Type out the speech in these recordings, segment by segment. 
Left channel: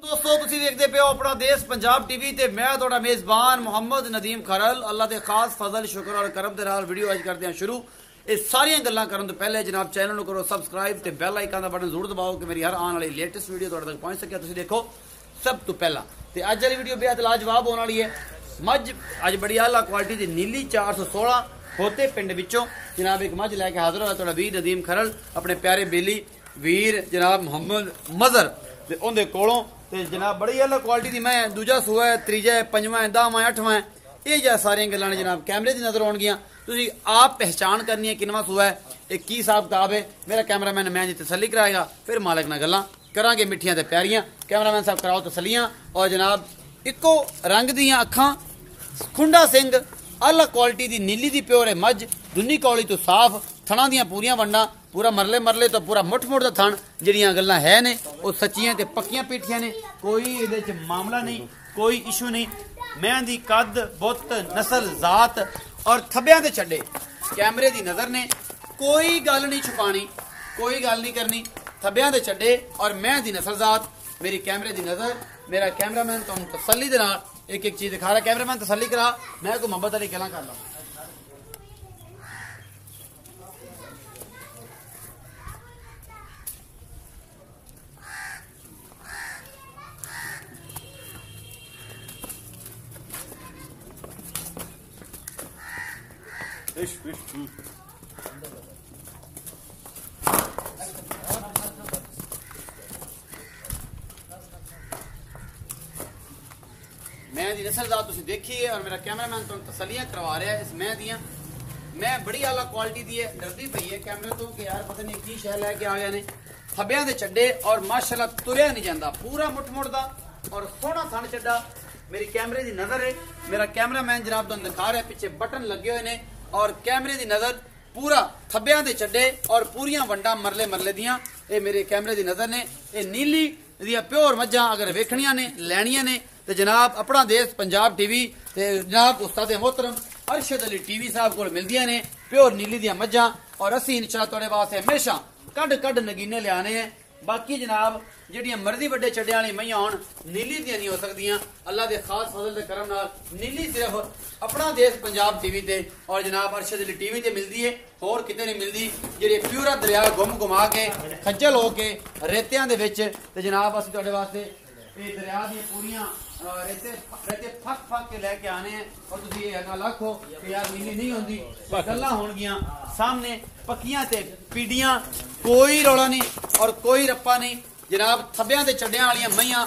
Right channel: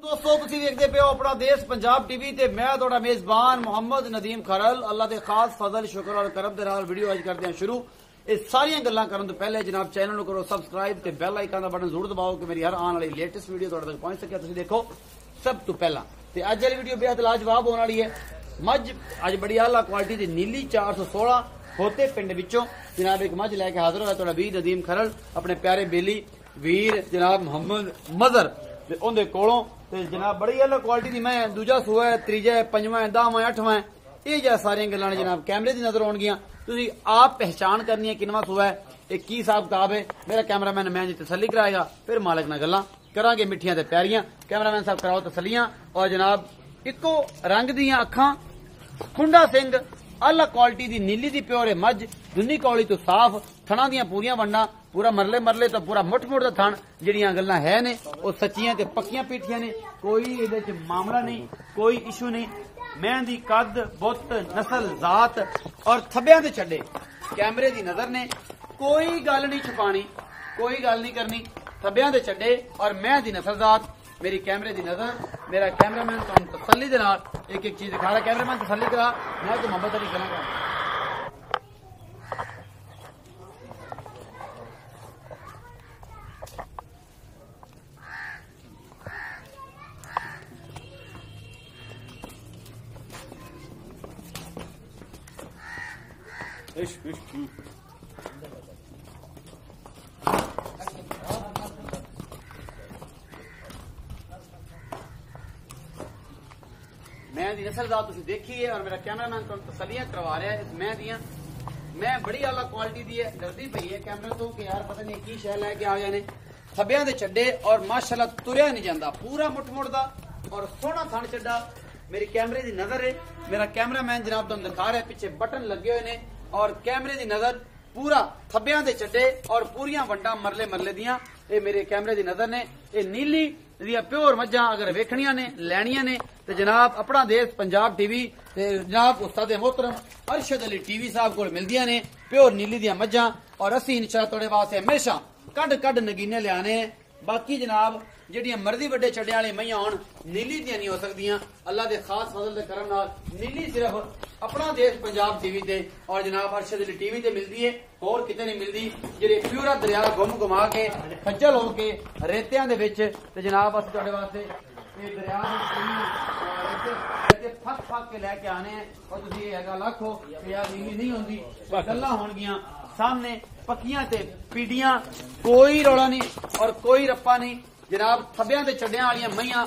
दोस्तों तुसी देखते पे हो अपना देश पंजाब टीवी ते मैं थोड़ा मेजबान मोहम्मद नदीम खरल अल्लाह के खास फजल शुक्र और करम के नाल वीडियो अज करते हैं शुरू। ये सारियां गल्लां करन तो पहले जनाब चैनल नूं करो सबसक्राइब ते बेल आइकन दा बटन जरूर दबाओ कि मेरी हर आने वाली लेटेस्ट वीडियो तुहाडे तक पहुंच सके। तुसी देखो सब तो पहला ते अज वाली वीडियो बेहद लाजवाब होने वाली है। मझ अज बड़ी आला क्वालिटी दी नीली 416 होते पिंड विचों जनाब एक मझ लैके हाजिर होया तुहाडा वीर नदीम खरल अपने प्यारे बेली वीर जनाब मोहम्मद मजर ते उहदे कोलों ते जनाब बड़ी अलग क्वालिटी दी मैं दूजा सूआ है त्रीजा है पंजवां है 10वां 8वां है ये जा सारियां गल्लां जनाब कैमरे दी नजर आउणगियां। तुसीं आप पहचान करनी है किनवा सूआ है ये की हिसाब किताब है। मेरा कैमरामैन मैं जी तसल्ली कराएगा फिर मालिक नाल गल्लां करांगे मिठियां ते प्यारियां। कैमरामैन साहब कराओ तसल्लियां। और जनाब इको रंग दियां अखां खुंडा सिंह आला क्वालिटी दी नीली दी प्योर है मझ दुनी कौली तो साफ थणा दियां पूरियां वंडा पूरा मरले मरले तो पूरा मुठ मुठ दा थण जिहड़ियां गल्लां है ने वो सच्चियां ते पक्कियां पीठियां ने कोई इहदे च मामला नहीं कोई इशू नहीं। मैं दी कद बुत नस्ल जात और थब्बियां दे छड्डे कैमरे दी नजर ने कोई गल नहीं छुपानी कोई गल नहीं करनी थब्बियां दे छड्डे और मैं दी नस्ल जात मेरी कैमरे दी नजर मेरा कैमरामैन तुहानूं तसल्ली दे नाल एक एक चीज दिखा रहा। कैमरामैन तसल्ली करा मैं तो मोहब्बत वाली गल्लां कर मैं दी नस्ल जात तुसीं देखी है और मेरा कैमरामैन तुहानूं तसल्लियां करवा रहा है इस मैं दियां। मैं बड़ी आला क्वालिटी दी है डरदी पई है कैमरे तो कि यार पता नहीं की शै लैके आए ने थब्बियां दे चड्डे और माशाअल्लाह तुरिया नहीं जांदा पूरा मुठ मुड़दा और सोहना थण चड्डा मेरी कैमरे दी नजर है। मेरा कैमरामैन जनाब तुहानूं दिखा रहा है पीछे बटन लगे हुए ने और कैमरे दी नजर पूरा थब्बियां दे चड्डे और पूरियां वंडा मरले मरले दियां ये मेरे कैमरे दी नजर ने। ये नीली दियां प्योर मज्जां अगर वेखणियां ने लैणियां ने ते जनाब अपना देश पंजाब टीवी ते जनाब उस्ताद मोहतरम अरशद अली टीवी साहब को मिलदियां ने प्योर नीली दियां मज्जां और असीं इंशाअल्लाह तुहाडे वास्ते हमेशा कड कड नगीने लियाने हैं। बाकी जनाब जिहड़ियां मर्जी वड्डे छड्डे वाली मईयां होण नीली दियां नहीं हो सकदियां अल्लाह दे खास फजल दे करम नाल नीली सिर्फ अपना देश पंजाब टीवी ते और जनाब अरशद अली टीवी ते मिलदी है होर किते नहीं मिलदी। जेह्ड़े प्यूरा दरिया घुम घुमा के खज्जल हो के रेतियां दे विच ते जनाब असीं तुहाडे वास्ते ये दरिया दी पूरियां रेते फक फक के लैके आने हैं और तुसीं ये गल आखो कि यार नीली नहीं होंदी गल्लां होणगियां सामने पक्कियां ते पीड़ियां कोई रौला नहीं और कोई रप्पा नहीं। जनाब थब्बियां दे चड्डियां वालियां मईयां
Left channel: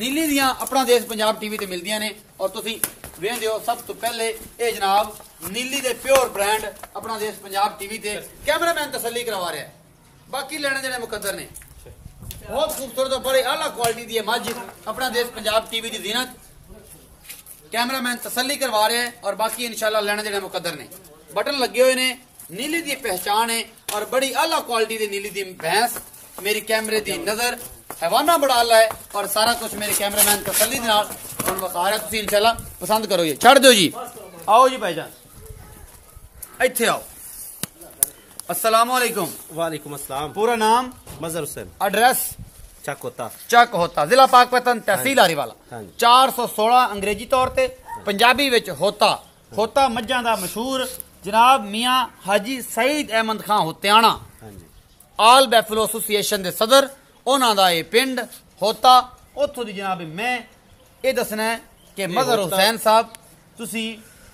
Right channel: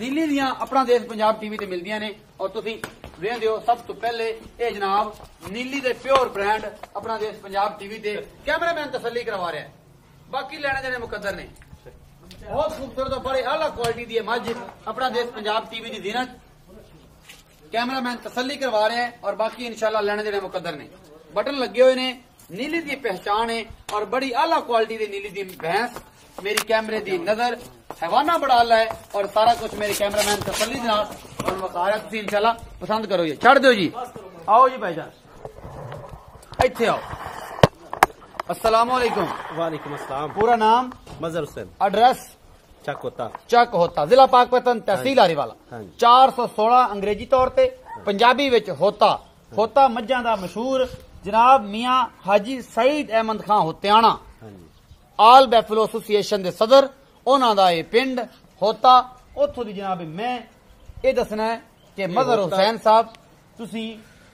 नीली दियां अपना देश पंजाब टीवी ते मिलदियां ने और तुसीं वेखदे हो सब तो पहले ये जनाब नीली दे प्योर ब्रांड अपना देश पंजाब टीवी ते कैमरामैन तसल्ली करवा रहा है। बाकी लेने देने मुकद्दर ने बहुत खूबसूरत और बड़े आला क्वालिटी दी मझ अपना देश पंजाब टीवी की जीनत कैमरामैन तसल्ली करवा रहे हैं और बाकी इंशाल्लाह लेने देने मुकद्दर ने बटन लगे हुए ने नीली दी पहचान है और बड़ी आला क्वालिटी दी नीली दी भैंस मेरी कैमरे दी नजर हैवाना बड़ा आला है और सारा कुछ मेरे कैमरामैन तसल्ली दे नाल तुहानूं बता रहा तुसीं इंशाल्लाह पसंद करो जी छड़ दो जी आओ जी भाईजान इत्थे आओ। अस्सलाम वालेकुम। वालेकुम अस्सलाम। पूरा नाम मजहर हुसैन एड्रेस चक होता जिला पाकपतन तहसील हारीवाला 416 अंग्रेजी तौर ते पंजाबी विच होता मज्जां दा मशहूर जनाब मियां हाजी सईद अहमद खान होतियाना आल बैफलो एसोसीएशन दे सदर उन्हां दा ये पिंड होता उत्थों दी जनाब मैं ये दसना है कि मजहर हुसैन साहब तुसी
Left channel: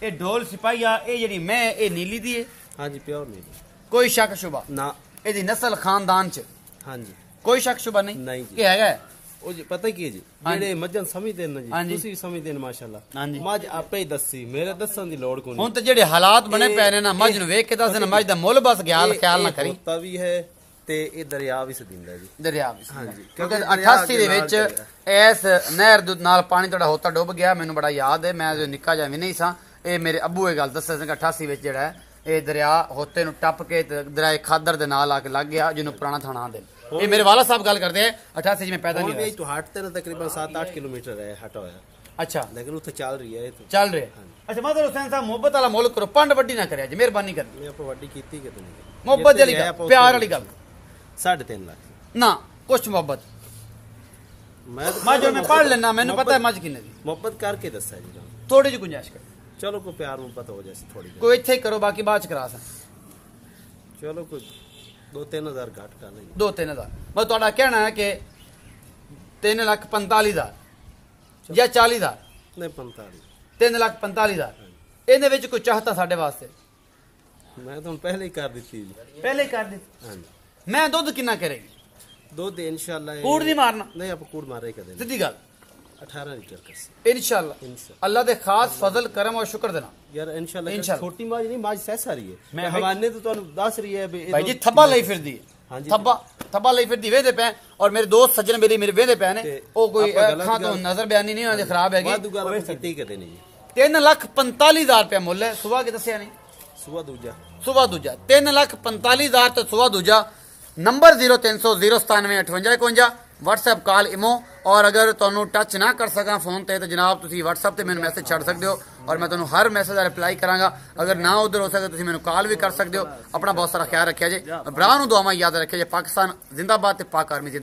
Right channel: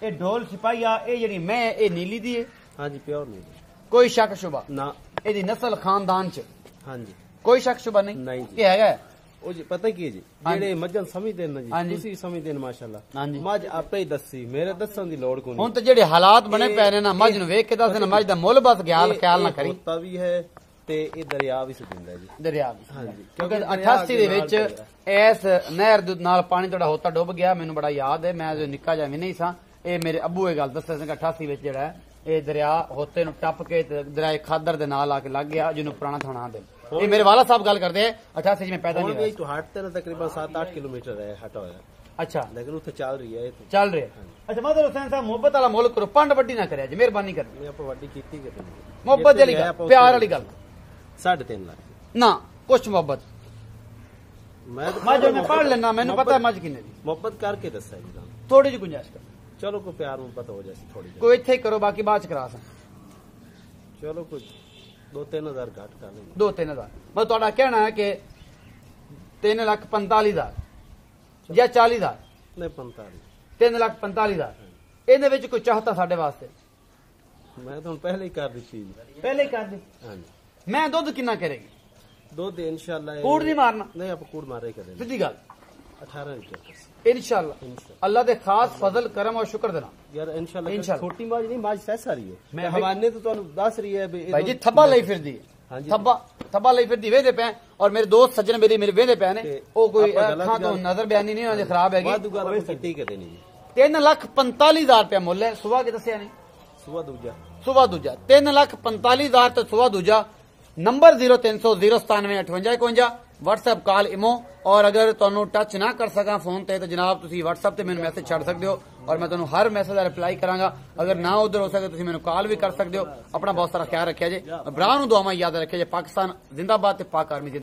ये ढोल सिपाहिया ये जेहड़ी मैं ये नीली दी है। हां जी प्योर नीली कोई शक शुबा ना एदी नस्ल खानदान च हां जी कोई शक शुबा नहीं कि हैगा ਉਹ ਜੀ ਪਤਾ ਕੀ ਹੈ ਜੀ ਜਿਹੜੇ ਮੱਝਾਂ ਸਮਝਦੇ ਨੇ ਜੀ ਤੁਸੀਂ ਸਮਝਦੇ ਨੇ ਮਾਸ਼ਾਅੱਲਾ ਮੱਝ ਆਪੇ ਹੀ ਦੱਸੀ ਮੇਰੇ ਦੱਸਣ ਦੀ ਲੋੜ ਕੋਈ ਹੁਣ ਤੇ ਜਿਹੜੇ ਹਾਲਾਤ ਬਣੇ ਪਏ ਨੇ ਨਾ ਮੱਝ ਨੂੰ ਵੇਖ ਕੇ ਦੱਸਣ ਮੱਝ ਦਾ ਮੁੱਲ ਬਸ ਖਿਆਲ ਨਾ ਕਰੀ ਹੋਤਾ ਵੀ ਹੈ ਤੇ ਇਹ ਦਰਿਆ ਵੀ ਸਦਿੰਦਾ ਜੀ ਦਰਿਆ ਵੀ ਹਾਂਜੀ ਕਿਉਂਕਿ 88 ਦੇ ਵਿੱਚ ਇਸ ਨਹਿਰ ਦੇ ਨਾਲ ਪਾਣੀ ਤੁਹਾਡਾ ਹੋਤਾ ਡੁੱਬ ਗਿਆ ਮੈਨੂੰ ਬੜਾ ਯਾਦ ਹੈ ਮੈਂ ਜੋ ਨਿੱਕਾ ਜਿਹਾ ਵੀ ਨਹੀਂ ਸਾਂ ਇਹ ਮੇਰੇ ਅੱਬੂ ਇਹ ਗੱਲ ਦੱਸਿਆ ਸੀ 88 ਵਿੱਚ ਜਿਹੜਾ ਇਹ ਦਰਿਆ ਹੋਤੇ ਨੂੰ ਟੱਪ ਕੇ ਦਰਿਆ ਖਾਦਰ ਦੇ ਨਾਲ ਆ ਕੇ ਲੱਗ ਗਿਆ ਜਿਹਨੂੰ ਪੁਰਾਣਾ ਥਾਣਾ ਦੇ ये मेरे वाला साहब गल करते हैं 88 में पैदा नहीं हुआ तो हटते ना तकरीबन 7-8 किलोमीटर है हटा हुआ अच्छा लेकिन उसे चल रही है चल रहे अच्छा मजहर हुसैन साहब मोहब्बत वाला मुल्क करो पंड वड्डी ना करे मेहरबानी कर वड्डी की मोहब्बत वाली गल प्यार वाली गल 3.5 लाख ना कुछ मोहब्बत ਮੱਝ ਮੈਂ ਪੜ ਲੈਣਾ, ਮੈਨੂੰ ਪਤਾ ਮੱਝ ਕਿੰਨੇ ਦੀ। ਮੁਹੱਬਤ ਕਰਕੇ ਦੱਸਿਆ ਜੀ ਤੁਹਾਨੂੰ, ਥੋੜੀ ਜਿਹੀ ਗੁੰਜਾਇਸ਼ ਕਰ, ਚਲੋ ਕੋਈ ਪਿਆਰ ਮੁਹੱਬਤ ਹੋ ਜਾਏ ਥੋੜੀ, ਕੋਈ ਇੱਥੇ ਹੀ ਕਰੋ, ਬਾਕੀ ਬਾਅਦ ਚ ਕਰਾ ਸਾਂ। ਚਲੋ ਕੋਈ 2-3 ਹਜ਼ਾਰ ਘੱਟ ਕਰ ਲੈਂਗੇ। 2-3 ਹਜ਼ਾਰ ਮੈਂ ਤੁਹਾਡਾ ਕਹਿਣਾ ਹੈ ਕਿ 3,45,000 ਜਾਂ 40,000? ਨਹੀਂ 45। 3,45,000 ਇਹਦੇ ਵਿੱਚ ਕੋਈ ਚਾਹਤਾ ਸਾਡੇ ਵਾਸਤੇ? ਮੈਂ ਤੁਹਾਨੂੰ ਪਹਿਲੇ ਹੀ ਕਰ ਦਿੱਤੀ ਜੀ। ਪਹਿਲੇ ਹੀ ਕਰ ਦਿੱਤੀ। ਹਾਂਜੀ। ਮੈਂ ਦੁੱਧ ਕਿੰਨਾ ਕਰੇਗੀ? ਦੁੱਧ ਇਨਸ਼ਾਅੱਲਾ ਕੂੜ ਨਹੀਂ ਮਾਰਨਾ? ਨਹੀਂ ਆਪਾਂ ਕੂੜ ਮਾਰੇ ਕਦੇ। ਸਿੱਧੀ ਗੱਲ 18 ਲੀਟਰ ਇਨਸ਼ਾਅੱਲਾ। ਅੱਲਾ ਦੇ ਖਾਸ ਫਜ਼ਲ ਕਰਮ ਔਰ ਸ਼ੁਕਰ ਦੇਣਾ ਯਾਰ ਇਨਸ਼ਾਅੱਲਾ। ਛੋਟੀ ਮਾਝ ਨਹੀਂ, ਮਾਝ ਸੈਸਾ ਰਹੀ ਹੈ। ਮੈਂ ਹਵਾਨੇ ਤੋਂ ਤੁਹਾਨੂੰ ਦੱਸ ਰਹੀ ਹੈ ਭਾਈ ਜੀ ਥੱਬਾ ਲਈ ਫਿਰਦੀ ਹੈ। ਥੱਬਾ ਲਈ ਫਿਰਦੀ ਵੇਦੇ ਪੈ, ਔਰ ਮੇਰੇ ਦੋਸਤ ਸੱਜਣ ਮੇਰੇ ਵੇਦੇ ਪੈ ਨੇ, ਉਹ ਕੋਈ ਅੱਖਾਂ ਤੋਂ ਨਜ਼ਰ ਬਿਆਨੀ ਨਹੀਂ ਉਹਨਾਂ ਦੀ ਖਰਾਬ ਹੈਗੀ। 3,45,000 ਰੁਪਇਆ ਮੁੱਲ ਹੈ। ਸੁਬਾ ਕੇ ਦੱਸਿਆ ਨਹੀਂ? ਸੁਬਾ ਦੂਜਾ 3,45,000 ਤੇ ਸੁਬਾ ਦੂਜਾ। ਨੰਬਰ 0300 097 58 51, WhatsApp ਕਾਲ ਇਮੋ। और अगर तुहानू टच ना कर सका फोन ते तो जनाब तुसी WhatsApp ते मैनू मैसेज छड़ सकते हो, और मैं तुहानू हर मैसेज का रिप्लाई करांगा। अगर ना उधर हो सके तुसी मैनू कॉल भी कर सकते हो। अपना बहुत सारा ख्याल रखिया जे, भरा नू दुआवां याद रखिया जे। पाकिस्तान जिंदाबाद ते पाक आर्मी।